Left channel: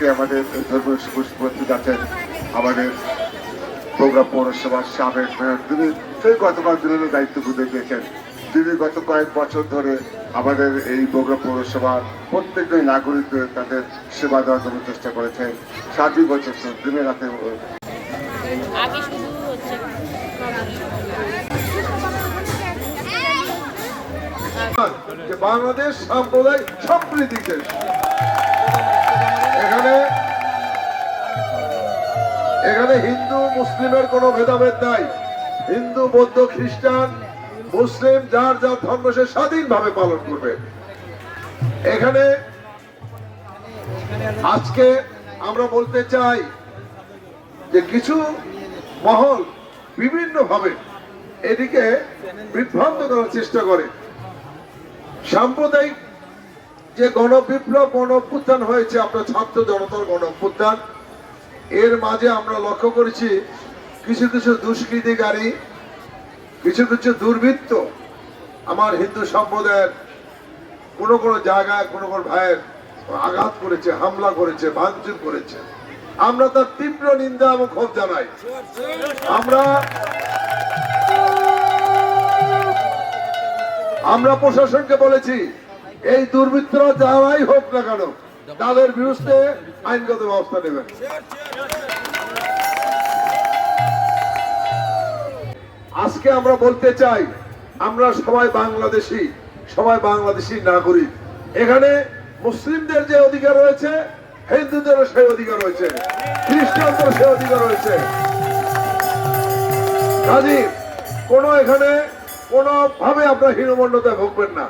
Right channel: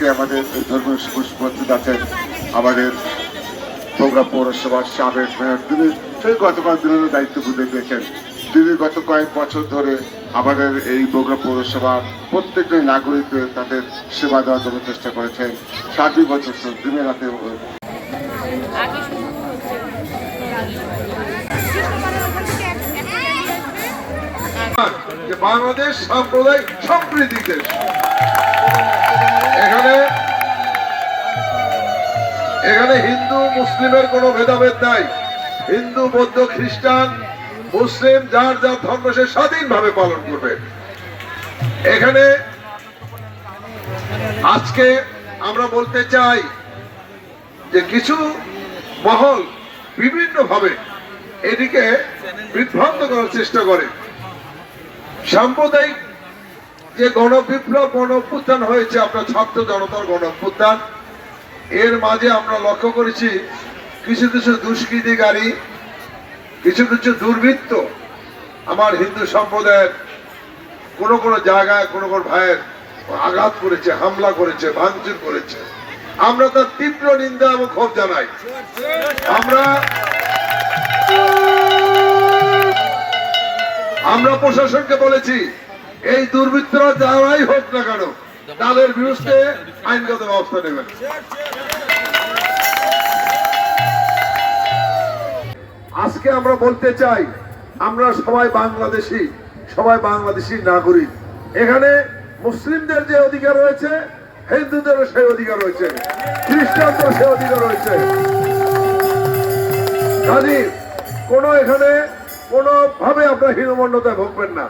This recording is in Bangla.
আজকে আমাদের উপস্থিত আছেন আমাদের প্রোগ্রাম পৌরসভার সাবেক মেয়র তিনি সেই গতকাল বিভিন্ন দায়িত্ব বুঝে গিয়েছেন তিনি গত কয়েক বছর ধরে আমাদের এই প্রোগ্রাম পৌরসভার প্রত্যেকটি নাগরিকদের তাদের সেবা দেওয়ার জন্য চেষ্টা করেছেন। সাতই বছর দিনের রাতে বাংলাদেশ সাম্প্রদায়িক সম্প্রীতি দেশ এখানে হিন্দু, মুসলিমের কোনো ভেদাভেদ নাই। হিন্দু, বৌদ্ধ, খ্রিস্টান, মুসলিম, যার যার ধর্ম সে স্বাধীনভাবে পালন করবে। এখানে আজকে আমরা বলতে চাই যে কিছু মহল বিভিন্ন ভাবে এদিকে বিভ্রান্ত করার চেষ্টা করে। সাম্প্রদায়িক যে গণবিপ্লব গণ হয়েছে, আপনার ছাত্র জনতার গণ এর মাঝে আমরা লক্ষ্য করেছি কিছু কিছু দুষ্কৃতিকারী কিছু কিছু দুর্বৃত্ত আমার হিন্দু সম্প্রদায়ের কোন কোন জায়গায়, কোন কোন ভাইয়ের আঘাত করেছে, হামলা করেছে, ভাঙচুর করেছে। আমরা তার তীব্র নিন্দা এবং ক্ষোভ জানাই। আমরা আমরা প্রশাসনকে বলেছি, এই দুর্বৃত্তরা যারাই হোক না কেন, তাদের বিরুদ্ধে আইনগত ব্যবস্থা নেবেন। আজকে আমরা বলতে চাই, আমরা সবাই বাংলাদেশি সবাই বাংলাদেশি নাগরিক। এখানে মুসলিমদের যে অধিকার রয়েছে, হিন্দুদেরও সেই অধিকার রয়েছে খ্রিস্টানদের সেই অধিকার রয়েছে। কাজী, কোন এখানে কোন ভাবে আপনার হীনমন্যতা ভুগবেন না।